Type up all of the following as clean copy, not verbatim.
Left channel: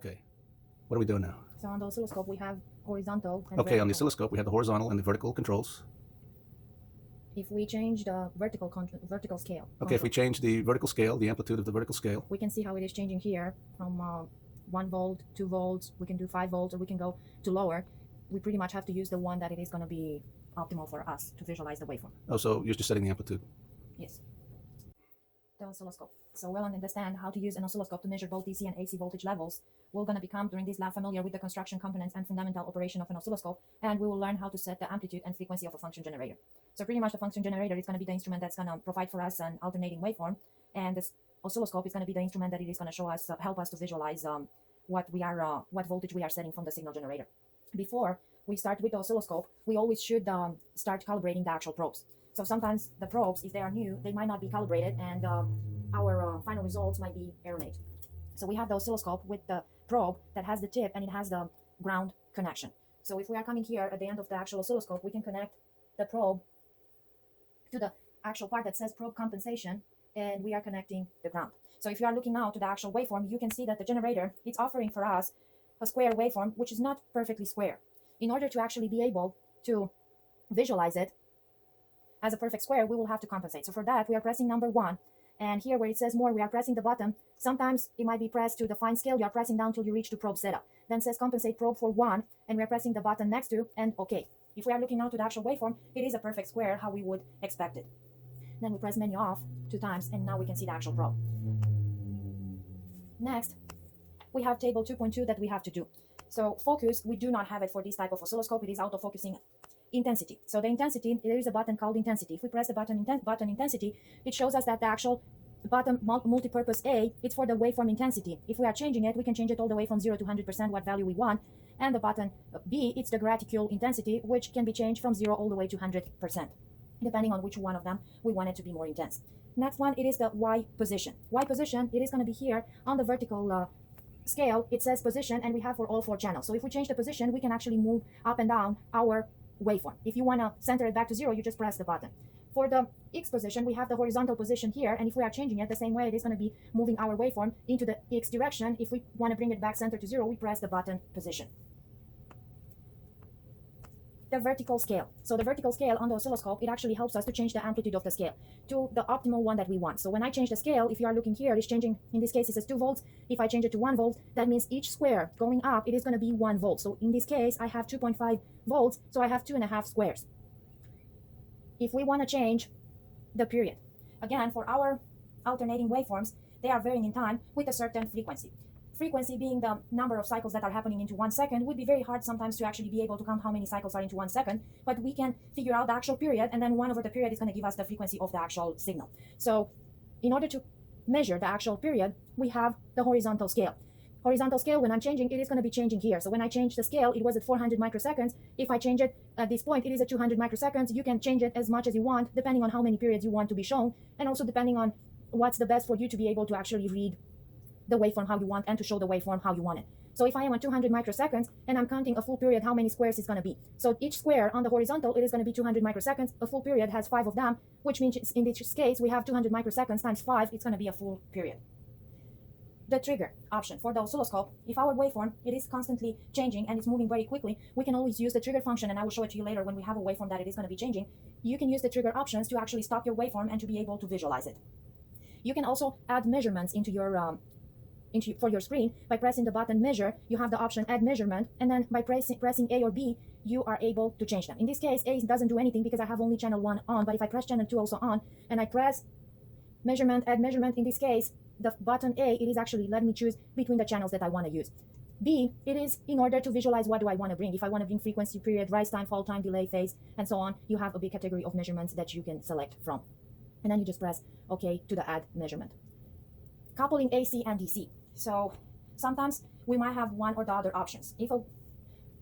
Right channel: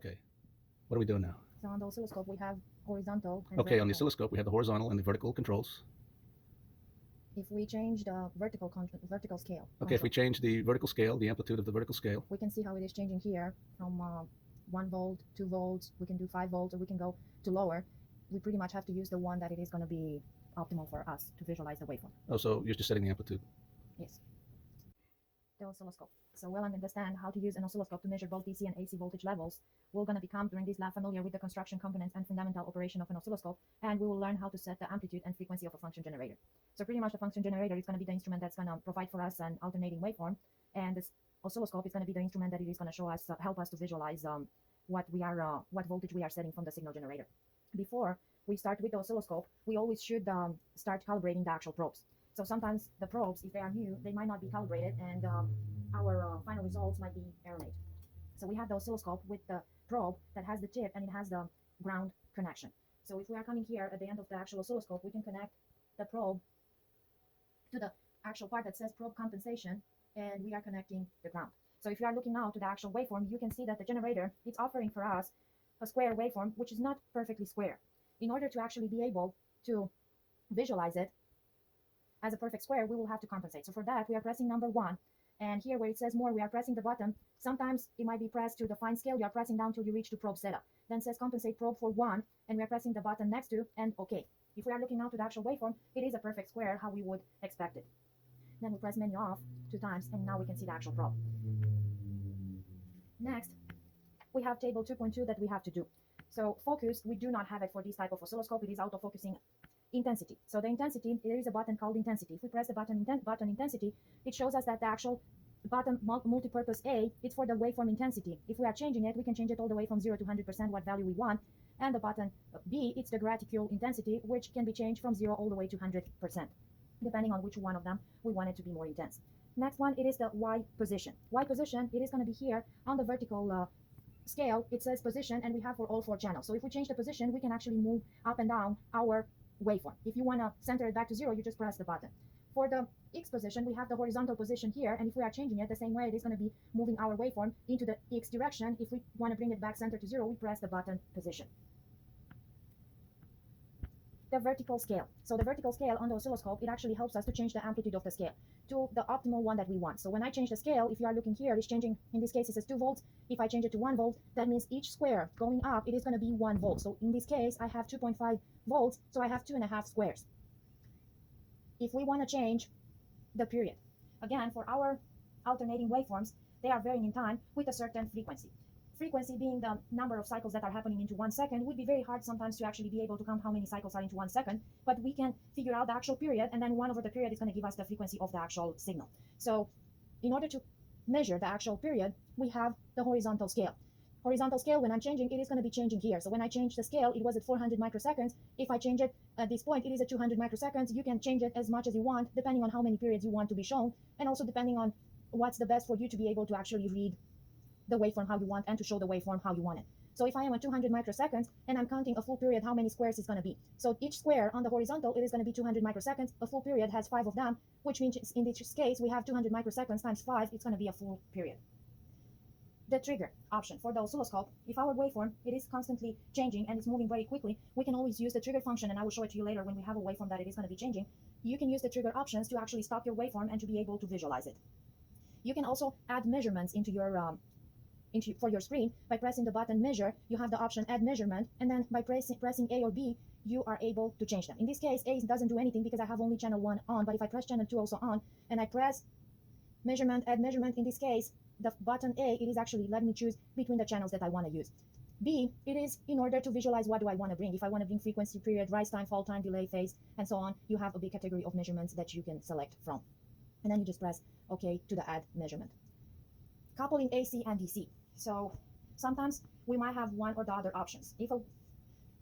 Okay. What are we doing now? So on the oscilloscope, we have horizontal and Okay, on the vertical. oscilloscope, we have the horizontal and the vertical controls. If we change the vertical scale. Okay, if we change the vertical scale, the amplitude of the vertical scale, we can see how it is changing here from 1 volt, 2 volts. We can do 5 volts, or we can go to lower. We pretty much have to use the one that it is going to be optimal for us to visualize the waveform. Oh, so you're just setting the amplitude. Yes. The oscilloscope. So we'll understand how to use an oscilloscope to measure both DC and AC voltage levels. We're going to become, during this lab, familiar with the construction components and fundamental operation of an oscilloscope, and we will learn how to set the amplitude and frequency of a function generator. So pretty much the function generator is going to be the instrument that's going to provide for us an alternating waveform, and this oscilloscope is going to be the instrument that it is going to show us, help us to visualize what voltage we are setting from the signal generator. Before we start with the oscilloscope, we always should start calibrating the actual probes. So sometimes the probes, if they are new, they might not be calibrated, and our final results might be erroneous. So we have the oscilloscope with the probe that has the tip and it has the ground connection. So if we are coming here at the end of the actual oscilloscope, we can connect the probe to the actual part that says probe compensation, and we are connecting the ground. So if you are looking now to the actual waveform, you can see that the generator, it's offering for us a square waveform, which is not perfectly square. In order to actually be able to visualize it as a perfect square, we will have to compensate. So for that, we are pressing number 1. And here where it says more, we are pressing the button. Sometimes it might be pressed to the fine scale. You are pressing down till you reach to probe setup. Then says compensate probe for 1, and we are pressing the button next to, and okay. If we are looking now to the actual waveform, it is a perfect square, how we would expect it. Then we press menu off 2 times, and now we can see the actual probe. Next, we have table 2.2 that we have to do. So focus, we do not have it for this type of oscilloscope. It is auto-focusing intensity. So the intensity, there is a button called intensity. If we press the button intensity, it shows us that the actual button multipurpose A, it's for the waveform intensity. If we are changing it, we can change it all the way from 0 to 100%, what value we want. And the button B, it's the graticule intensity, which can be changed from 0 all the way to 100%, depending on which one of them we want it to be more intense. Next one, it is the Y position. Y position, it is going to be here on the vertical scale. It says position, and we have for all 4 channels. So if we change the position, we can actually move up and down our waveform. If you want to center it back to 0, you just press the button. For the X position, we have the horizontal position here, and if we are changing it the same way, it is going to be moving our waveform into the X direction. If we want to bring it back center to 0, we press the button position. The vertical scale. So the vertical scale on the oscilloscope, it actually helps us to change the amplitude of the scale to the optimal one that we want. So when I change the scale, if you are looking here, it's changing, in this case it says 2 volts. If I change it to 1 volt, that means each square going up, it is going to be 1 volt. So in this case, I have 2.5 volts, so I have 2.5 squares. If we want to change the period, again, for our alternating waveforms, they are varying in time with a certain frequency. Frequency being the number of cycles that are happening into 1 second, would be very hard sometimes to actually be able to count how many cycles are into 1 second, but we can figure out the actual period, and then 1 over the period is going to give us the frequency of the actual signal. So in order to measure the actual period, we have the horizontal scale. Horizontal scale, when I'm changing, it is going to be changing here. So when I change the scale, it was at 400 microseconds. If I change it at this point, it is at 200 microseconds. You can change it as much as you want, depending on how many periods you want to be shown, and also depending on what's the best for you to be able to actually read the waveform how you want and to show the waveform how you want it. So if I am on 200 microseconds and I'm counting a full period, how many squares is going to be? So each square on the horizontal, it is going to be 200 microseconds. A full period has 5 of them, which means in this case, we have 200 microseconds times 5. It's going to be a full period. The trigger option for the oscilloscope, if our waveform, it is constantly changing and it's moving very quickly, we can always use the trigger function, and I will show it to you later when we have a waveform that it is going to be changing. You can use the trigger options to actually stop your waveform and to be able to visualize it. You can also add measurements into your for your screen by pressing the button measure. You have the option add measurement, and then by pressing A or B, you are able to change them. In this case, A doesn't do anything because I have only channel 1 on, but if I press channel 2 also on, and I press measurement, add measurement, in this case, the button A, it is actually letting me choose between the channels that I want to use. B, it is in order to visualize what do I want to bring. If I want to bring frequency, period, rise time, fall time, delay, phase, and so on, you have a big category of measurements that you can select from. And then you just press OK to the add measurement. Coupling AC and DC. So sometimes we might have one or the other options. If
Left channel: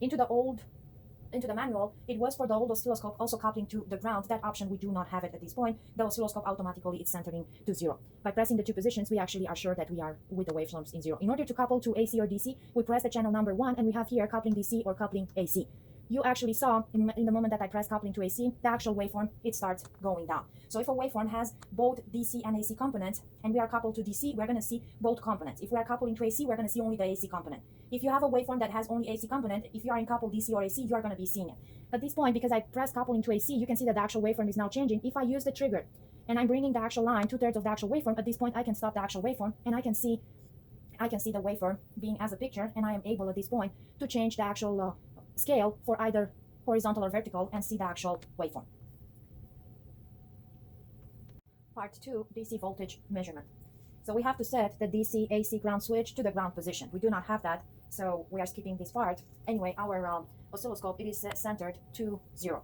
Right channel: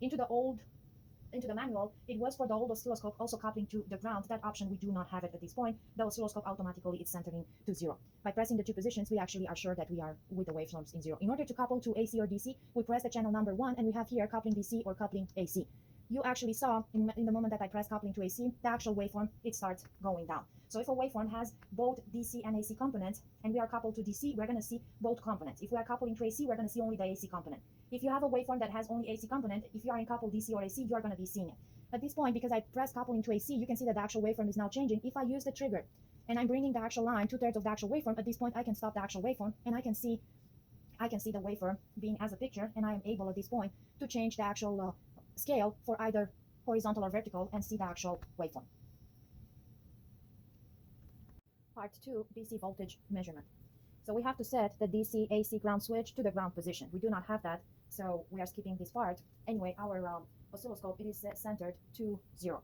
into the manual, it was for the old oscilloscope also coupling to the ground. That option, we do not have it at this point. The oscilloscope automatically is centering to 0. By pressing the 2 positions, we actually are sure that we are with the waveforms in 0. In order to couple to AC or DC, we press the channel number 1, and we have here coupling DC or coupling AC. you actually saw in the moment that I press coupling to AC, the actual waveform, it starts going down. So if a waveform has both DC and AC components, and we are coupled to DC, we're going to see both components. If we are coupling to AC, we're going to see only the AC component. If you have a waveform that has only AC component, if you are in coupled DC or AC, you are going to be seeing it. At this point, because I press coupling to AC, you can see that the actual waveform is now changing. If I use the trigger and I'm bringing the actual line 2/3 of the actual waveform, at this point I can stop the actual waveform and I can see the waveform being as a picture, and I am able at this point to change the actual scale for either horizontal or vertical and see the actual waveform. Part 2, DC voltage measurement. So we have to set the DC AC ground switch to the ground position. We do not have that, so we are skipping this part. Anyway, our oscilloscope, it is centered to 0.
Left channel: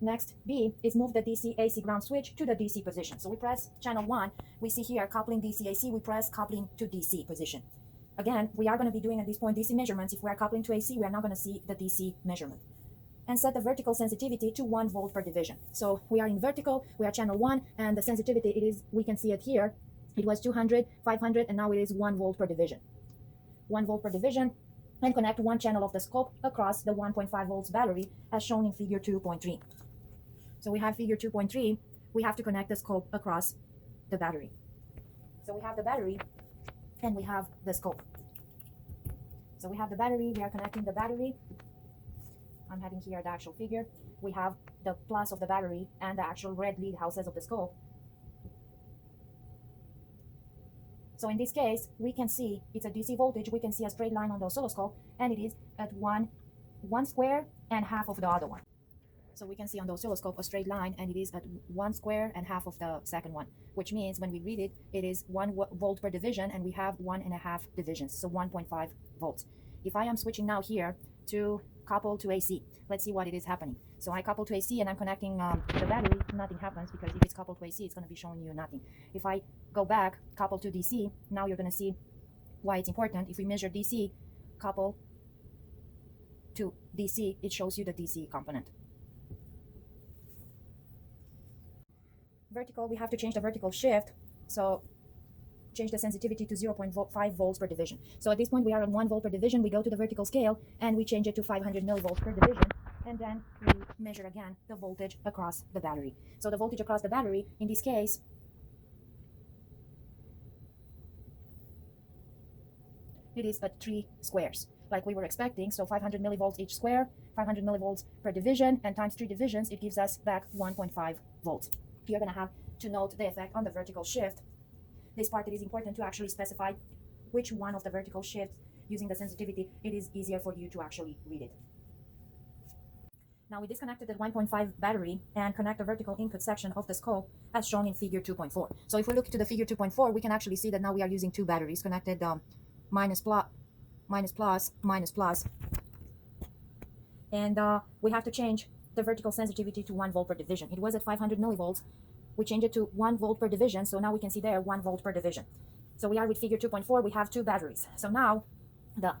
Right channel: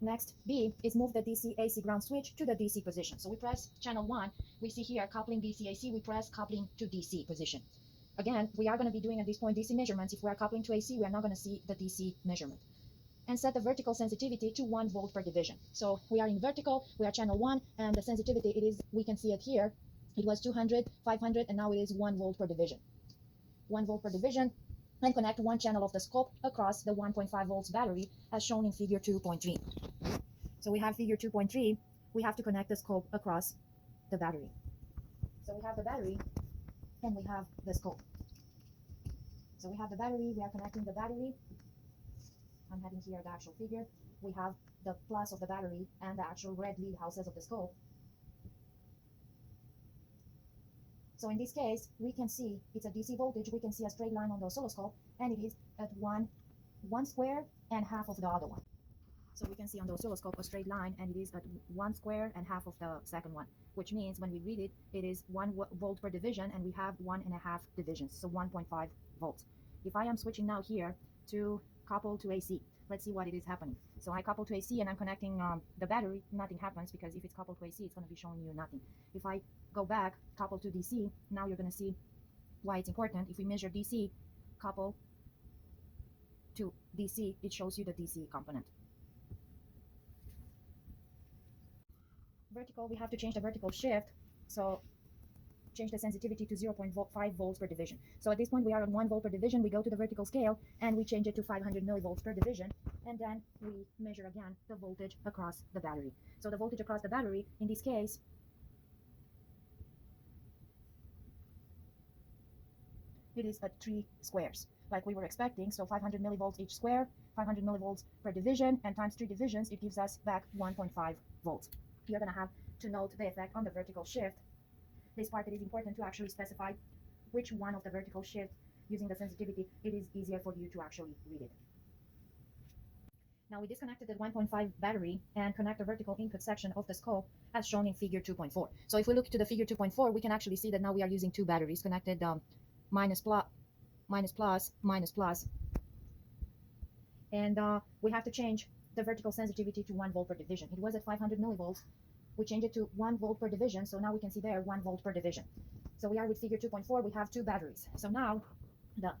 Next, B is move the DC AC ground switch to the DC position. So we press channel 1. We see here coupling DC AC. We press coupling to DC position. Again, we are going to be doing at this point DC measurements. If we are coupling to AC, we are not going to see the DC measurement. And set the vertical sensitivity to 1 volt per division. So we are in vertical, we are channel 1, and the sensitivity, it is, we can see it here. It was 200, 500, and now it is 1 volt per division. 1 volt per division, and connect one channel of the scope across the 1.5 volts battery as shown in figure 2.3. So we have figure 2.3, we have to connect the scope across the battery. So we have the battery and we have the scope. So we have the battery, we are connecting the battery. I'm having here the actual figure. We have the plus of the battery and the actual red lead houses of the scope. So in this case, we can see it's a DC voltage. We can see a straight line on the oscilloscope, and it is at one square and half of the other one. So we can see on the oscilloscope a straight line, and it is at 1 square and half of the second one, which means when we read it, it is 1 volt per division, and we have 1.5 divisions, so 1.5 volts. If I am switching now here to couple to AC, let's see what it is happening. So I couple to AC and I'm connecting the battery, nothing happens, because if it's coupled to AC, it's going to be showing you nothing. If I go back, couple to DC, now you're going to see why it's important. If we measure DC, couple to DC, it shows you the DC component. Vertical, we have to change the vertical shift. So change the sensitivity to 0.5 volts per division. So at this point we are on 1 volt per division. We go to the vertical scale and we change it to 500 millivolts per division, and then we measure again the voltage across the battery. So the voltage across the battery, in this case, it is at 3 squares like we were expecting. So 500 millivolts each square, 500 millivolts per division, and times 3 divisions, it gives us back 1.5 volts. You're going to have to note the effect on the vertical shift. This part, it is important to actually specify which one of the vertical shifts using the sensitivity. It is easier for you to actually read it. Now we disconnected the 1.5 battery and connect the vertical input section of the scope as shown in figure 2.4. So if we look into the figure 2.4, we can actually see that now we are using 2 batteries connected minus plus. And we have to change the vertical sensitivity to 1 volt per division. It was at 500 millivolts. We change it to 1 volt per division, so now we can see there 1 volt per division. So we are with figure 2.4, we have 2 batteries. So now the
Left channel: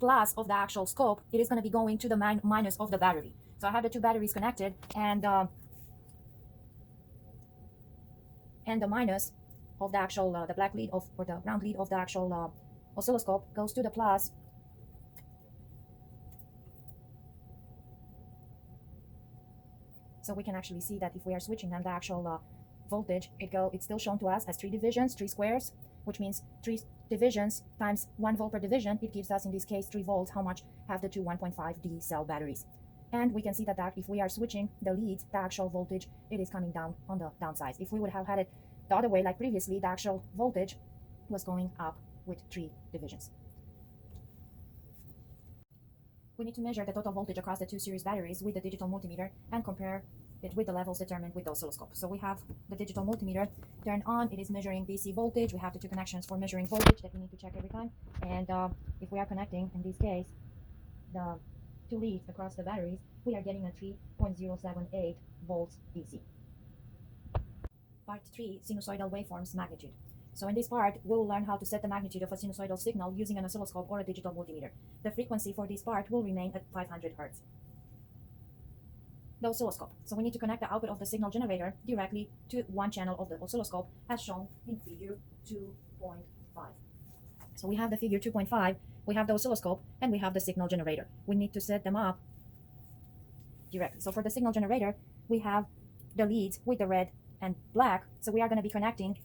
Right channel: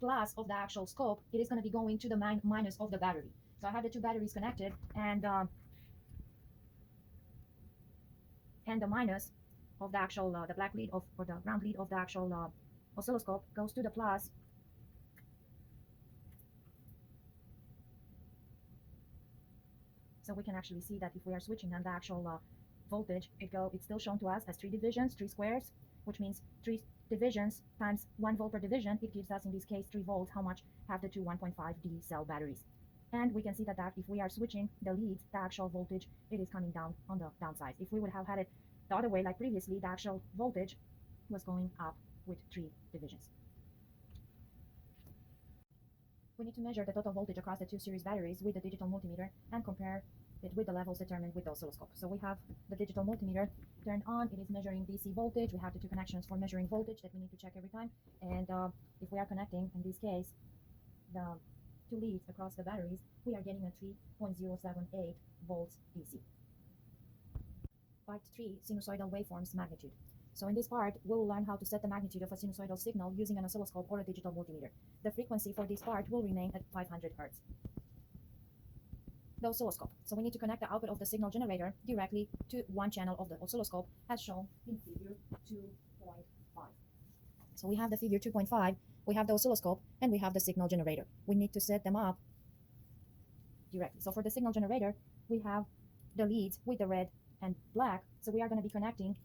plus of the actual scope, it is going to be going to the minus of the battery. So I have the 2 batteries connected, and the minus of the actual, the black lead of, or the ground lead of the actual oscilloscope goes to the plus. So we can actually see that if we are switching on the actual voltage, it's still shown to us as 3 divisions, 3 squares, which means 3 divisions times 1 volt per division. It gives us, in this case, 3 volts. How much have the 2 1.5D cell batteries? And we can see that if we are switching the leads, the actual voltage, it is coming down on the downside. If we would have had it the other way, like previously, the actual voltage was going up with 3 divisions. We need to measure the total voltage across the 2 series batteries with the digital multimeter and compare it with the levels determined with the oscilloscope. So we have the digital multimeter turned on. It is measuring DC voltage. We have the 2 connections for measuring voltage that we need to check every time. And if we are connecting, in this case, the 2 leads across the batteries, we are getting a 3.078 volts DC. Part 3, sinusoidal waveforms magnitude. So in this part, we'll learn how to set the magnitude of a sinusoidal signal using an oscilloscope or a digital multimeter. The frequency for this part will remain at 500 Hz. The oscilloscope. So we need to connect the output of the signal generator directly to one channel of the oscilloscope as shown in figure 2.5. So we have the figure 2.5, we have the oscilloscope, and we have the signal generator. We need to set them up directly. So for the signal generator, we have the leads with the red and black. So we are going to be connecting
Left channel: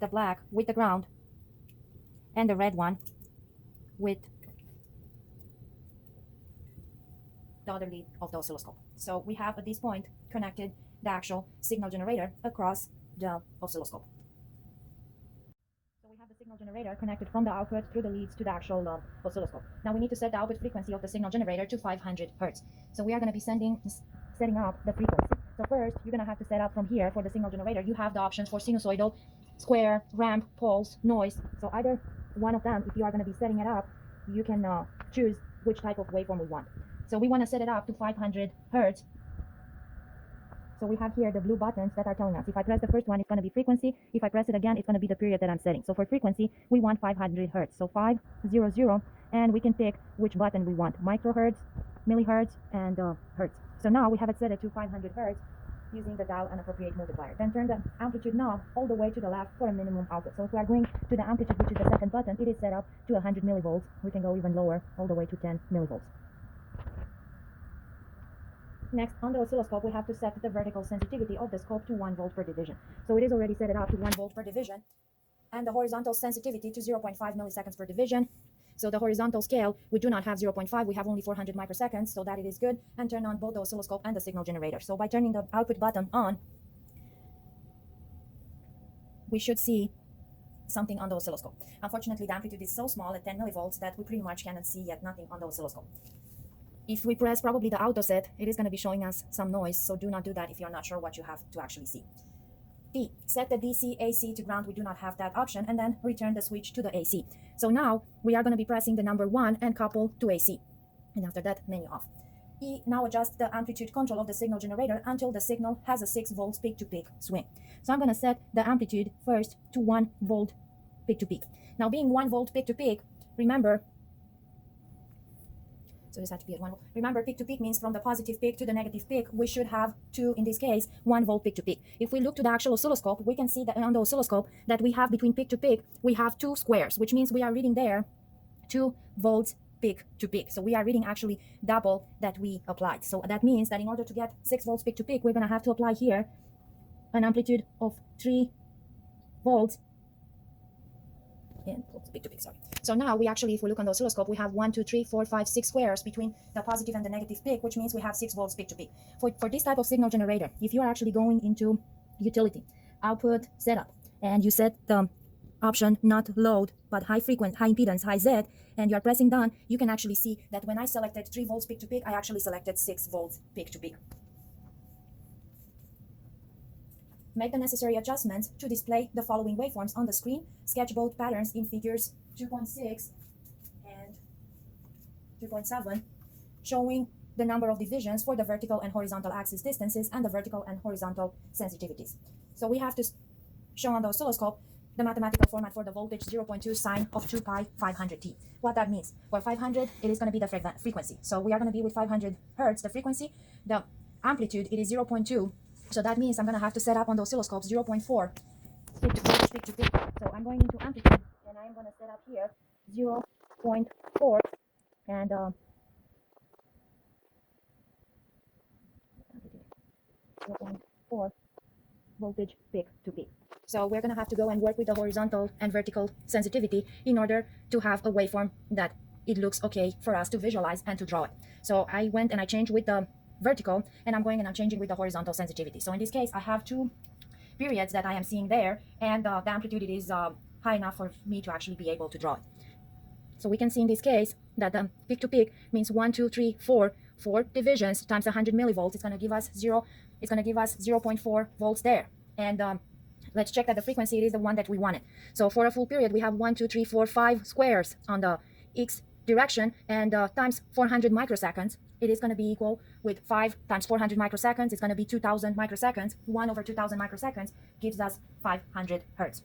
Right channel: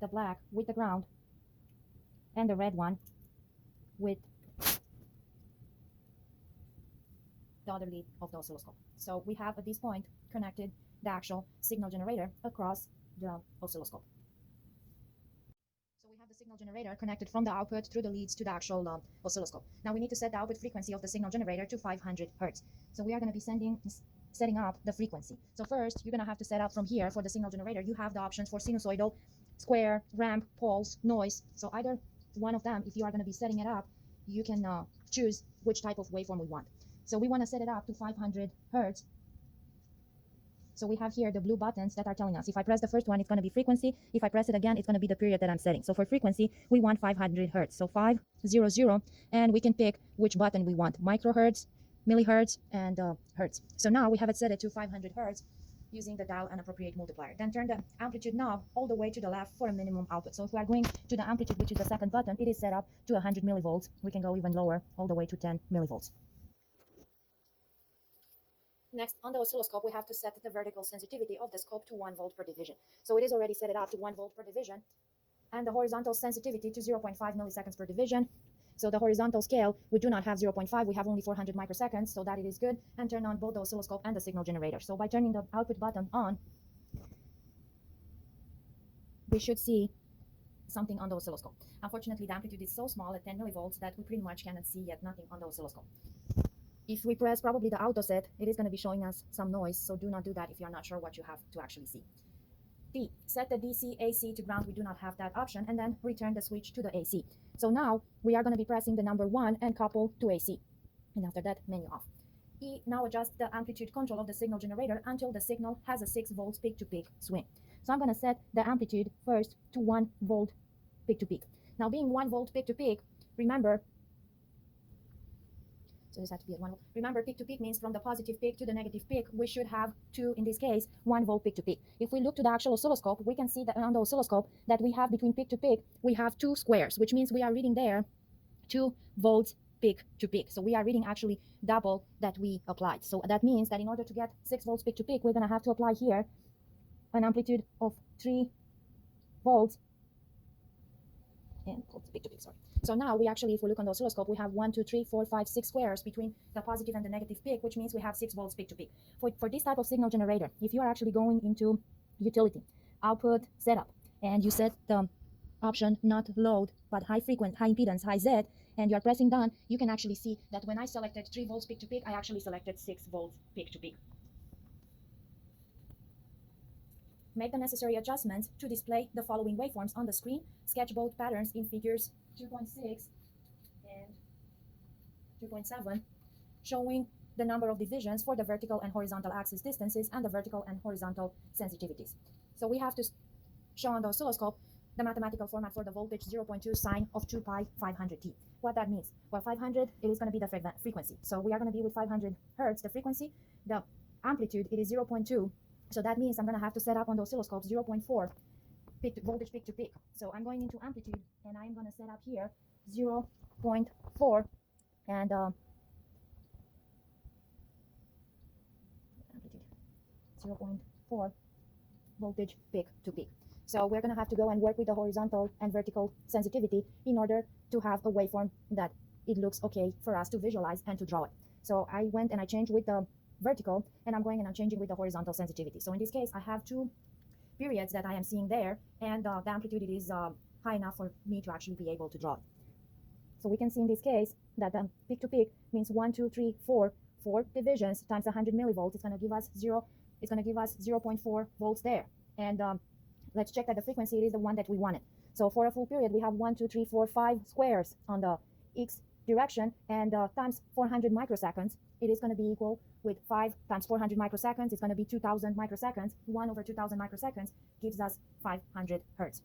the black with the ground and the red one with the other lead of the oscilloscope. So we have at this point connected the actual signal generator across the oscilloscope. So we have the signal generator connected from the output through the leads to the actual oscilloscope. Now we need to set the output frequency of the signal generator to 500 Hertz. So we are going to be setting up the frequency. So first, you're going to have to set up from here for the signal generator. You have the options for sinusoidal, square, ramp, pulse, noise. So either one of them, if you are going to be setting it up, you can choose which type of waveform we want. So we want to set it up to 500 Hertz. So we have here the blue buttons that are telling us if I press the first one, it's going to be frequency. If I press it again, it's going to be the period that I'm setting. So for frequency, we want 500 Hertz. So 500, and we can pick which button we want, microhertz, millihertz, and hertz. So now we have it set it to 500 Hertz using the dial and appropriate multiplier. Then turn the amplitude knob all the way to the left for a minimum output. So if we are going to the amplitude, which is the second button, it is set up to 100 millivolts. We can go even lower, all the way to 10 millivolts. Next, on the oscilloscope, we have to set the vertical sensitivity of the scope to 1 volt per division. So it is already set it up to 1 volt per division, and the horizontal sensitivity to 0.5 milliseconds per division. So the horizontal scale, we do not have 0.5, we have only 400 microseconds, so that it is good. And turn on both the oscilloscope and the signal generator. So by turning the output button on, we should see something on the oscilloscope. Unfortunately, the amplitude is so small at 10 millivolts that we pretty much cannot see yet nothing on the oscilloscope. If we press probably the auto set, it is going to be showing us some noise, so do not do that if you're not sure what you have to actually see. D, set the DC AC to ground. We do not have that option, and then return the switch to the AC. So now we are going to be pressing the number 1 and couple to AC, and after that, menu off. E, now adjust the amplitude control of the signal generator until the signal has a 6 volts peak-to-peak swing. So I'm going to set the amplitude first to 1 volt peak-to-peak. Now being 1 volt peak-to-peak, remember, so this has to be at 1 volt. Remember, peak to peak means from the positive peak to the negative peak, we should have in this case, 1 volt peak to peak. If we look to the actual oscilloscope, we can see that on the oscilloscope that we have between peak to peak, we have 2 squares, which means we are reading there 2 volts peak to peak. So we are reading actually double that we applied. So that means that in order to get 6 volts peak to peak, we're going to have to apply here an amplitude of 3 volts and peak to peak, sorry. So now we actually, if we look on the oscilloscope, we have 1, 2, 3, 4, 5, 6 squares between the positive and the negative peak, which means we have 6 volts peak to peak. For this type of signal generator, if you are actually going into utility, output setup, and you set the option not load, but high impedance, high Z, and you're pressing done, you can actually see that when I selected 3 volts peak to peak, I actually selected 6 volts peak to peak. Make the necessary adjustments to display the following waveforms on the screen. Sketch both patterns in figures 2.6 and 2.7, showing the number of divisions for the vertical and horizontal axis distances and the vertical and horizontal sensitivities. So we have to show on the oscilloscope the mathematical format for the voltage 0.2 sine of 2 pi 500t. What that means? Well, 500, it is going to be the frequency. So we are going to be with 500 hertz, the frequency. The amplitude, it is 0.2. So that means I'm going to have to set up on the oscilloscope 0.4 peak to peak. So I'm going into amplitude, and I'm going to set up here 0.4 and 0.4 voltage peak to peak. So we're going to have to go and work with the horizontal and vertical sensitivity in order to have a waveform that it looks okay for us to visualize and to draw it. So I went and I changed with the vertical, and I'm going and I'm changing with the horizontal sensitivity. So in this case, I have 2 periods that I am seeing there, and the amplitude it is high enough for me to actually be able to draw it. So we can see in this case that the peak to peak means 1, 2, 3, 4 divisions times 100 millivolts. It's going to give us 0.4 volts there. And let's check that the frequency is the one that we wanted. So for a full period, we have 1, 2, 3, 4, 5 squares on the x direction, and times 400 microseconds, it is going to be equal with 5 times 400 microseconds. It's going to be 2000 microseconds. 1 over 2000 microseconds gives us 500 hertz.